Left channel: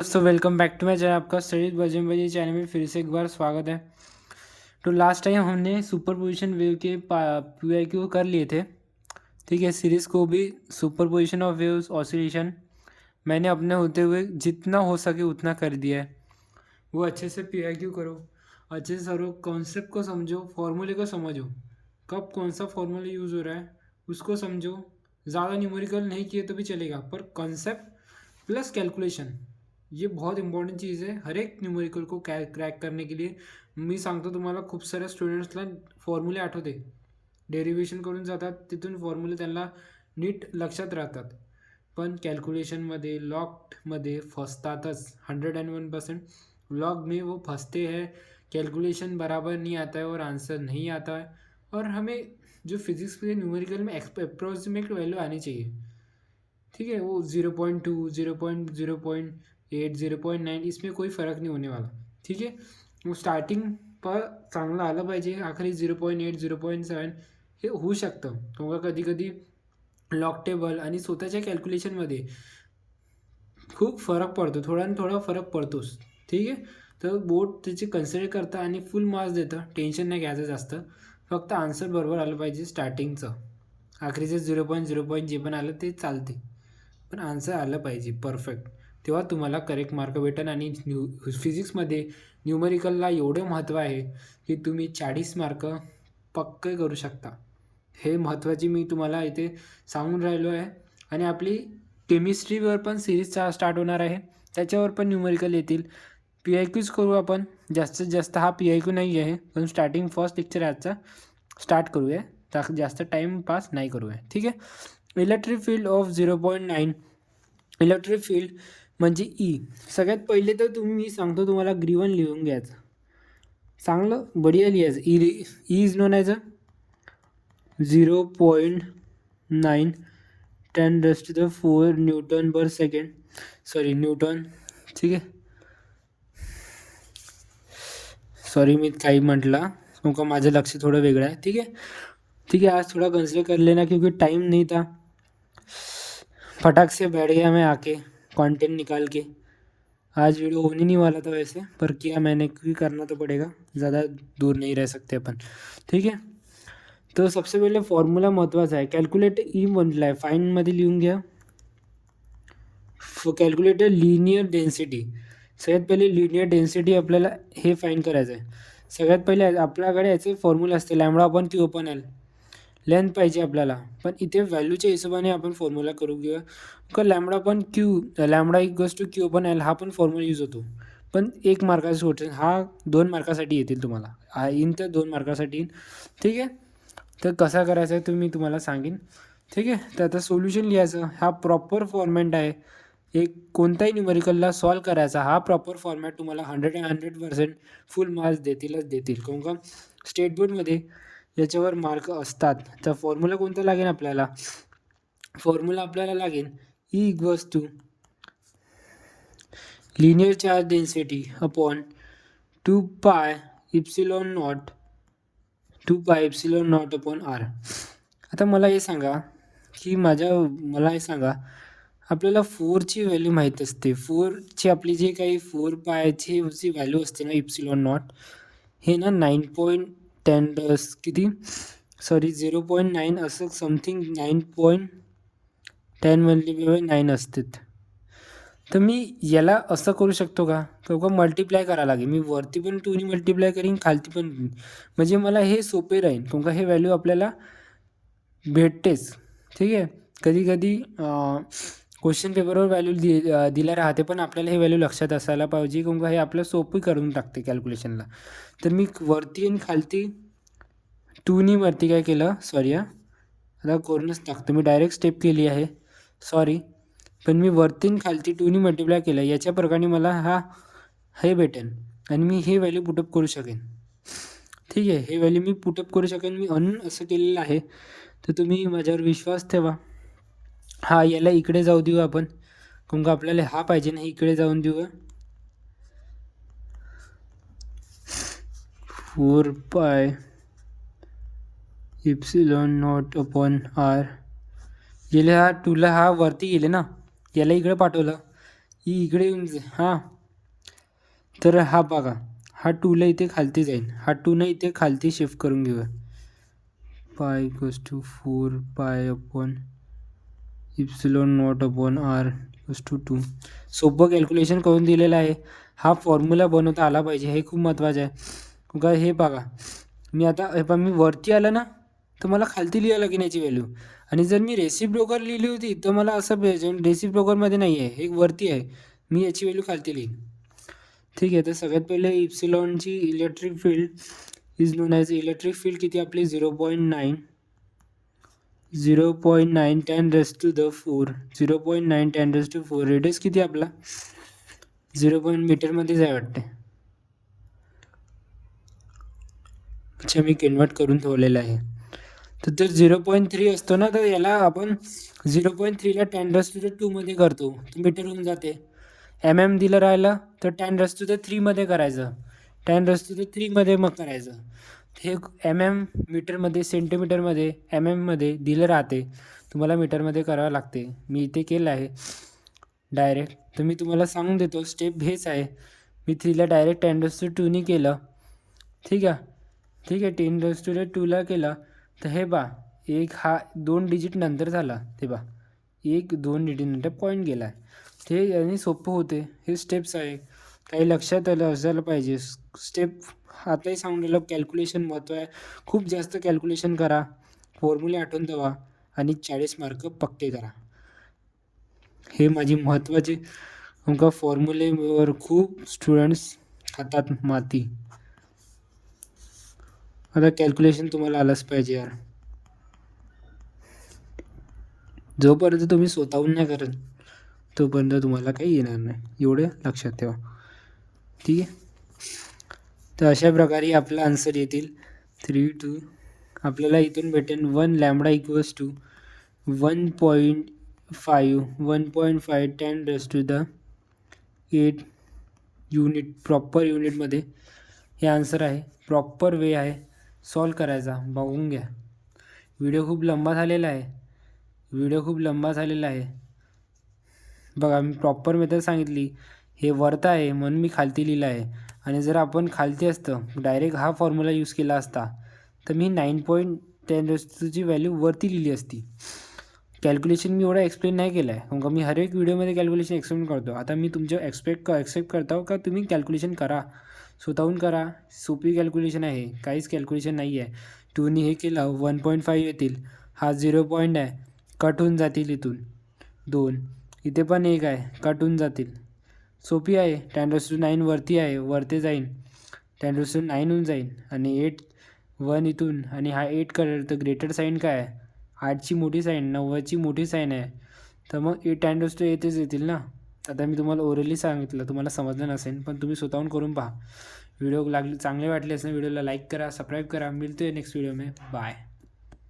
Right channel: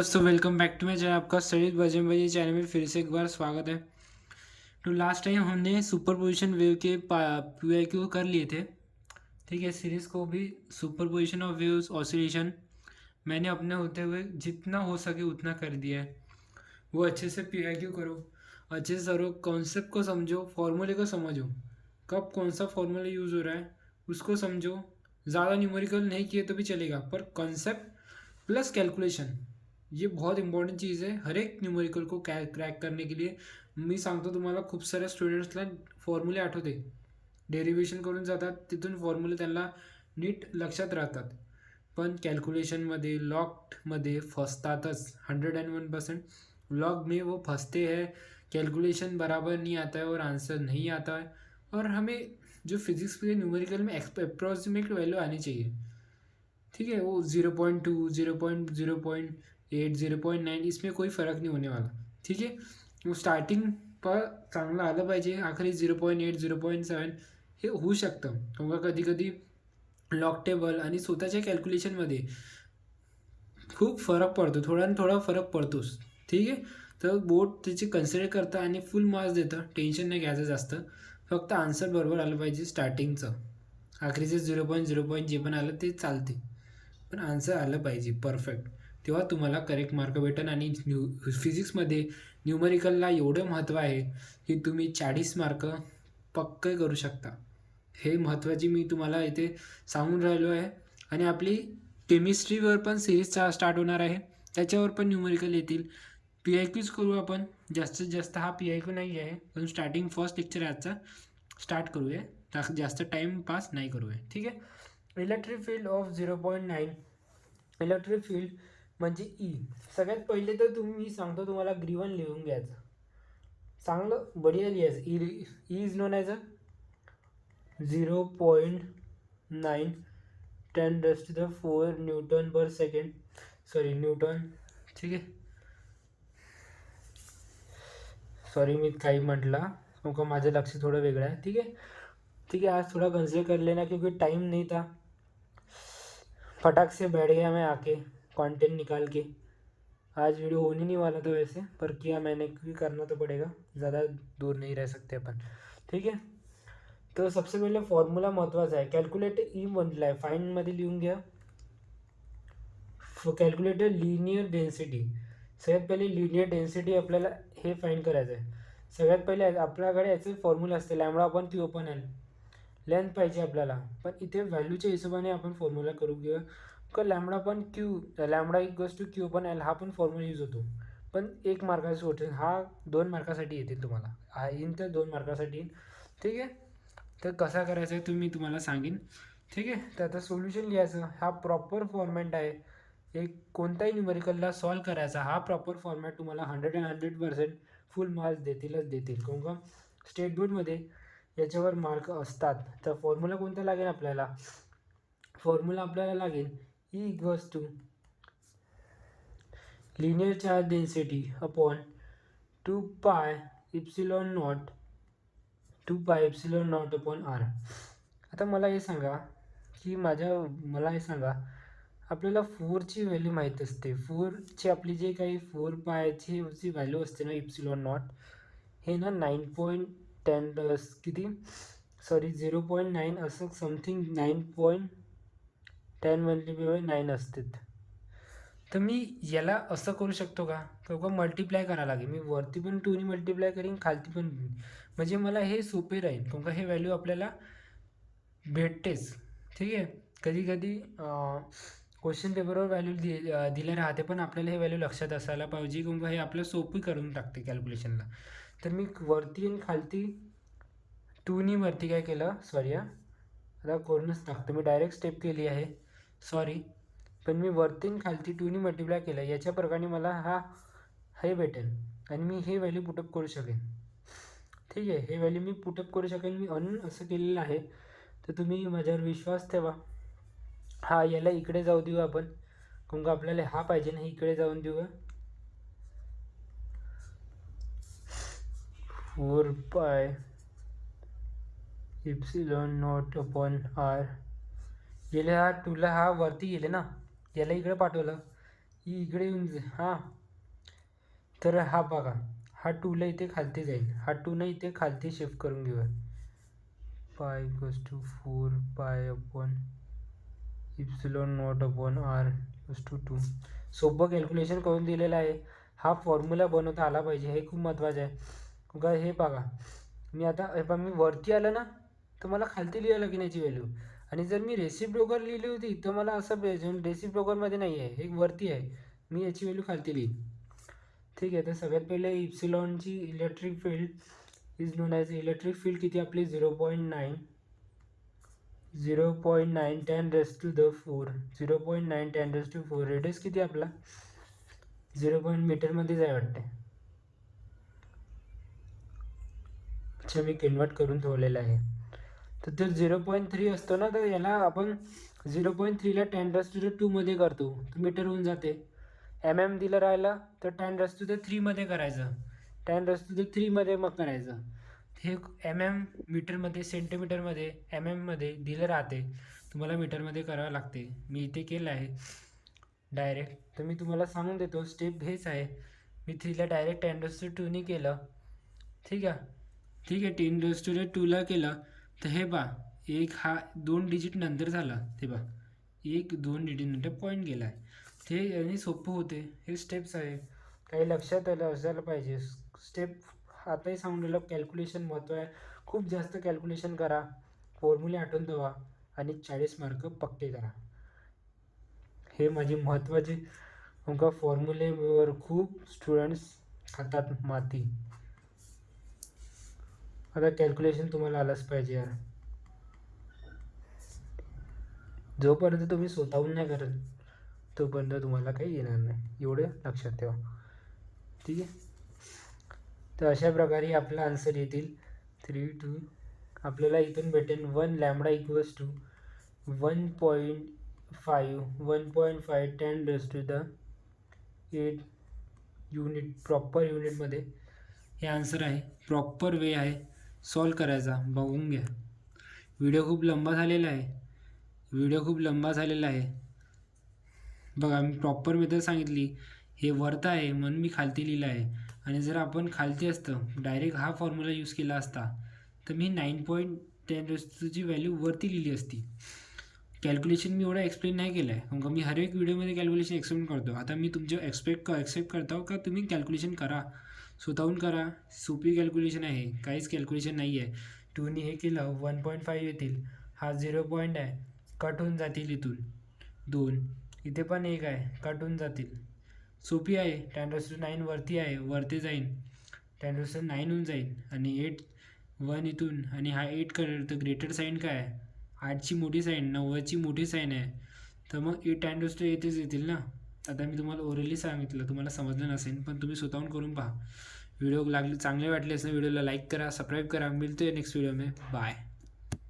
दोस्तों welcome back to my channel. आपका studies Bajrang channel में फिर से एक बार स्वागत है। तो लास्ट टाइम हमने सुपर पोजिशन वेव के PIQ कर लिए थे। ठीक है, सीरीज़ को भी superposition of waves oscillation मैंने अपने होते हुए जितना हो सके उतना कर दिया है। वो अच्छे से PIQ करो, अच्छे से सरो, कॉन्सेप्ट को समझो, फॉर्मूले को समझो, कब कौन सा फॉर्मूला यूज़ हो रहा है उसको समझो। ज़्यादा न्यूमेरिकल नहीं किए तो भी चलेगा, पर कॉन्सेप्ट प्लस कैलकुलेशन ये बहुत इंपॉर्टंट चीज़ आहे हर एक न्यूमेरिकल को क्रॅक करने के लिए. मी सांगतो तुम्हाला, खूप साऱ्या स्टुडंट्सला फॉर्म्युले आठवते, डेरिव्हेशन करून जातात, तिथून फॉर्म्युले त्यांना नीट लक्षात राहतात, पण कॅल्क्युलेशनमध्ये लॉगमध्ये फसतातच. 101% लॉग में वो फंसते हैं. कैलकुलेशन बराबर नहीं आता है और आंसर नहीं आता है. और हमें जो फिजिक्स के न्यूमेरिकल में अप्रोक्सीमेट वैल्यू आनी चाहिए. ठीक है, वो 0.2 0.8 0.9 इसमें कोई फ़र्क नहीं होने वाला. ठीक है, वो स्टार्टिंग पर चांगलं आलं पाहिजे, आखरी 0.8 0.7 हे होऊ शकतं. किंवा कधी कधी लॉग टेबल आणि स्वतःच्या कॅल्क्युलेशनमध्ये खूप फरक पडतो, थोडा आणि थोडा फरक पडतोच. ठीक आहे, तर बोर्ड त्याचे कन्सिडर करतं आणि फुल मार्क्स देतं. टेन्शन नाही घ्यायचं जास्त, फक्त आन्सर बरोबर आलं पाहिजे स्टार्टिंगचं. आखरीचे 0.0 जे पण आलं ते चालते, पण आन्सर आलं पाहिजे परफेक्ट. तेव्हा तुम्हाला करेक्ट मार्क भेटेल. आणि फिजिक्समध्ये न्यूमरिकलला एवढं महत्त्व आहे की तुम्ही 40 मार्क पक्के करू शकता. हे महत्त्वाची मी तुम्हाला इथे सांगून राहिलो आहे. आणि आपली केमिस्ट्रीवर पण सिरीज स्टार्ट होणार आहे, त्याच्यावर पण न्यूमरिकल येतील. PIQच करू आपण. जास्तीत जास्त हा PIQ नाही आहे, पण स्टार्टिंग फर्स्ट लेक्चर आजचा स्टार्ट करूया, जास्त टाईम पास नाही करूया. ठीक आहे. Electric field of 0.9. Electric field म्हणजे सगळ्यात पहिले तर मी सांगतो तुम्हाला ग्रीवन लिहून घ्यायचं, चांगलं बढिया लिहायचं. Is known as a 0.9 10⁻⁴ Newton per second, sorry Newton. ठीक आहे, सॉरी मी काही म्हटलं, क्योंकि माझं लक्ष थोडं वेगळं आहे. ठीक आहे, ठीक है, आज थोड़ा कंसिडर कर लेना क्योंकि टाइम नहीं था. फटाक से बैठ गया मैं आके कंटेंट निकाल के. आज वीडियो होने नहीं वाला था वैसे, पर किया मैंने क्योंकि करना तो पड़ेगा, ज़्यादा दूर नहीं रह सकते अपन. ठीक है, तो सबसे पहिले फॉर्म्युला महत्त्वाचा आहे. कॅल्क्युलेट म्हटलं आहे, फाईनमध्ये लिहून घ्या. Calculator linear density. सगळ्यात पहिले लिनियर डेन्सिटी आपल्याला हे फाईन करायचं आहे. सगळ्यात पहिले आपल्याकडे याचे फॉर्म्युला असते, λ/Q/L. लेंथ पाहिजे आपल्याला, पण इथे व्हॅल्यूच्या हिशोबाने आपण फॉर्म्युला करू घेऊया. का λ/Q/L हा पण फॉर्म्युला यूज होतो, पण 1 मार्काचा सोडून हा 2 मार्कासाठी येतील तुम्हाला. हा येईन तर 2 मार्कासाठी येईल. ठीक आहे, तर कसा करायचा आहे तुम्ही तुम्हाला सांगेन. ठीक आहे, तर आता सोल्युशन लिहायचं. हा प्रॉपर फॉर्मॅट आहे. एक कोणताही न्यूमेरिकलला सॉल्व करायचा हा प्रॉपर फॉर्मॅट तुम्हाला 100% फुल मार्क्स देतीलच देतील. काहून का स्टेट बोर्डमध्ये याच्यावर मार्क असतात. तर फॉर्म्युला कोणता लागेल आपल्याला, फॉर्म्युला आपल्याला लागेल E = linear charge density upon 2 पाय इप्सिलॉन नॉट अपॉन R. आता मला हे सांगा की मला हे सांगा, आपल्याला 4ची व्हॅल्यू माहीत असते. 4ची आपली जी काही 4 पायची जी व्हॅल्यू असते ना, इप्सिलॉन नॉट, हे ना 9.10 किती, सॉरी 0.9 असं समथिंग 9.10 मल्टिप्लाय 9 असतात. तर मी याला असं करू शकतो का, किंवा मल्टिप्लाय करावं लागेल. मी वरती पण 2ने मल्टिप्लाय करीन, खालती पण, म्हणजे मला हे सोपे राहील. किंवा हे व्हॅल्यू आपल्याला भेटतेच. ठीक आहे, कधी कधी क्वेश्चन पेपरवर व्हॅल्यू दिल्या राहते, पण आपल्याला हे व्हॅल्यू लक्षात असायला पाहिजे, किंवा हे आपलं सोपी करून टाकते कॅल्क्युलेशनला. तर मी वरती आणि खालती 2ने वरती काय केलं, सॉरी आता करूनच टाकतो, मी डायरेक्ट स्टेप केली आहे, सॉरी. पण मी वरती आणि खालती 2ने मल्टिप्लाय केलं, याच्या प्रकारे मला हे भेटेल आणि मी हे व्हॅल्यू पुटअप करू शकेन. ठीक आहे, हे व्हॅल्यू मी पुटअप करू शकेन. मी असं केलेलं आहे, तर तुम्ही माझ्यावर विश्वास ठेवा. हा याला इकडे जाऊ देऊ आपण, का आपल्याला हा पाहिजे ना, इकडे जाऊन देऊ. 4 पाय इप्सिलॉन नॉट अपॉन R. गेले हा 2ला हा वरती गेले ना, याला इकडे पाठवलं. इकडे येऊन हां, तर हा बघा, हा 2ला इथे खालती जाईल, हा 2 इथे खालती शिफ्ट करून घेऊया. पाय equals to 4 pi upon epsilon not upon R equals to 2. सोपं कॅल्क्युलेशन करून दिलेलं आहे. हा फॉर्म्युला बनवता आला पाहिजे, हे खूप महत्त्वाचं आहे. का हे बघा, मी आता हे पण मी वरती आलं ना, तर मला खालती लिहायला लागेल याची व्हॅल्यू. आणि जर मी रेसिप्रोकल लिहिली होती तर मला असं पाहिजे, रेसिप्रोकलमध्ये नाही आहे, हे वरती आहे, मी याची व्हॅल्यू खालती लिहीन. ठीक आहे. तर सगळ्यात पहिले इप्सिलॉनची electric field is known as electric field किती आपली 0.9 10 raised to the 4 0.9 10 raised to 4. Radius किती आपला 0 मीटरमध्येच आहे वाटते. अच्छा, मी कन्वर्ट करून ठेवलेलं आहे. तर जर 0.3 असतो ना, तर याला आपण 0.3ला 10 raised to the 2 मध्ये करतो, तर मीटर होऊन जाते. दिलं राहिलं तर 10 raised to the 3 मध्ये करायचं, 10 raised to the 3 मध्ये मग करायचं. हे मीटरमध्ये, सेंटीमीटरमध्ये, मध्ये दिलं राहते, तुम्हाला मीटरमध्ये करावं लागते. मी इथे केलं आहे डायरेक्ट, तर मी तुम्हाला सांगून देतो, स्टेप हेच आहे. मी 3ला डायरेक्ट 10 raised to 2 केलं. ठीक आहे. 10 raised to 2ला केलं, तर हे बा एक हा 2 डिजिट नंतर झाला, ते बा 1-2 डिजिट नंतर पॉईंट गेला आहे. ते याने सोपं होते. हे स्टेप्स आहे, काही लक्षात असायला पाहिजे. स्टेप आताही सांगलेलं, कॅल्क्युलेशन महत्त्व आहे. खूप जास्त कॅल्क्युलेशन करा, फॉर्म्युले आठवून ठेवा आणि 40 मार्क पक्के करा. हे माझी महत्त्वाची, आमका फॉर्म्युलेवर खूप स्टुडंट्स खातात माती. आता कॅल्क्युलेशन तुम्हाला आलंच पाहिजे यार. जोपर्यंत तुम्ही स्वतःहून नाही करत तोपर्यंत तुम्हाला काही येणार नाही, एवढे लक्षात ठेवा. ठीक आहे. तर अशा प्रकारे आपला आन्सर येतील 3-2. आपल्याला इथून भेटेल 1 lambda equals to 1.5 10 raised to the 8 unit, proper युनिटमध्ये हे आन्सर आहे. प्रॉपर वे आहे सॉल्व करायचा, बघून घ्या. व्हिडिओ खूप लंबा झालेला आहे. बघा, मी प्रॉपर मेथड सांगितली. हे वरता आहे म्हणून मी खालती लिहिलं आहे. आणि जर आपण खालती असतं, डायरेक्ट हा फॉर्म्युला यूज केला असता, तर मी 9.10 ची व्हॅल्यू वरती लिहिली असती. कॅल्क्युलेशन मी एवढा एक्सप्लेन नाही केलं आहे, कारण मी हर एक व्हिडिओमध्ये कॅल्क्युलेशन एक्सप्लेन करतो. आता मी तुमच्या एक्सेप्ट करतो का तुम्ही कॅल्क्युलेशन करा, स्वतःहून करा. सोपी कॅल्क्युलेशन आहे, काहीच कॅल्क्युलेशन नाही आहे. 2ने हे केलं 1.5 येतील, हा 0 पॉईंट आहे, कट होऊन जातील इथून 2, इथे पण 1 आहे, कट होऊन जातील. सोपी आहे. 10 raised to 9 वरती आहे, वरती जाईन, 10 raised to 9 होऊन जाईल. आणि 1 इथून, आणि हा 8 करेल, तर ग्रेटर साईन काय आहे, 8ची मोठी साईन, 9ची मोठी साईन आहे, तर मग 10 raised to 8च येतील ना. आता मी तुम्हाला ओरली सांगितलं, तुम्हाला समजलं नसेल, पण तुम्ही स्वतःहून करून पहा. व्हिडिओ चांगले वाटले असेल, व्हिडिओला लाईक करा, सबस्क्राईब करा. मिळते नेक्स्ट व्हिडिओ में. बाय.